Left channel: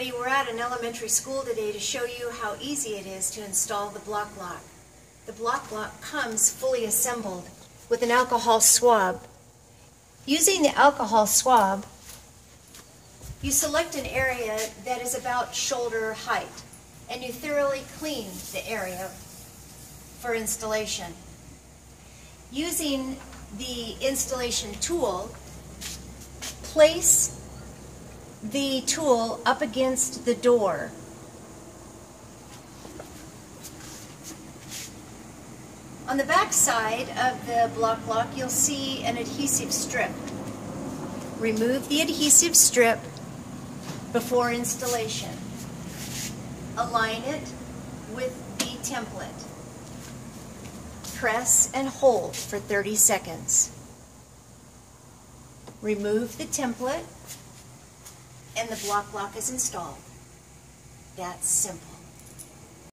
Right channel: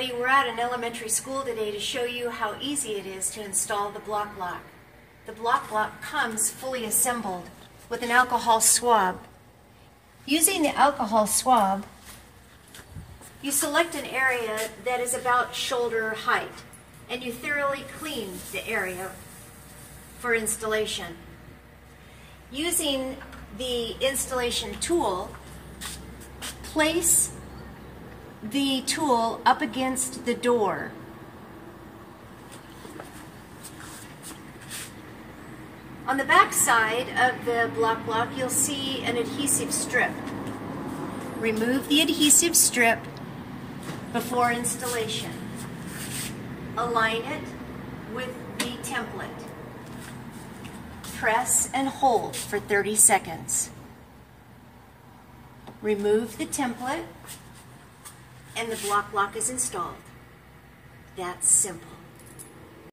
everybody. We're at an elementary school today to show you how easy it is to install the block lock. The block lock comes fully assembled with an alcohol swab. Using the alcohol swab, you select an area that is about shoulder height and you thoroughly clean the area for installation. Using the installation tool, place the tool up against the door. On the back side of the block lock, you'll see an adhesive strip. Remove the adhesive strip before installation. Align it with the template. Press and hold for 30 seconds. Remove the template and the block lock is installed. That's simple.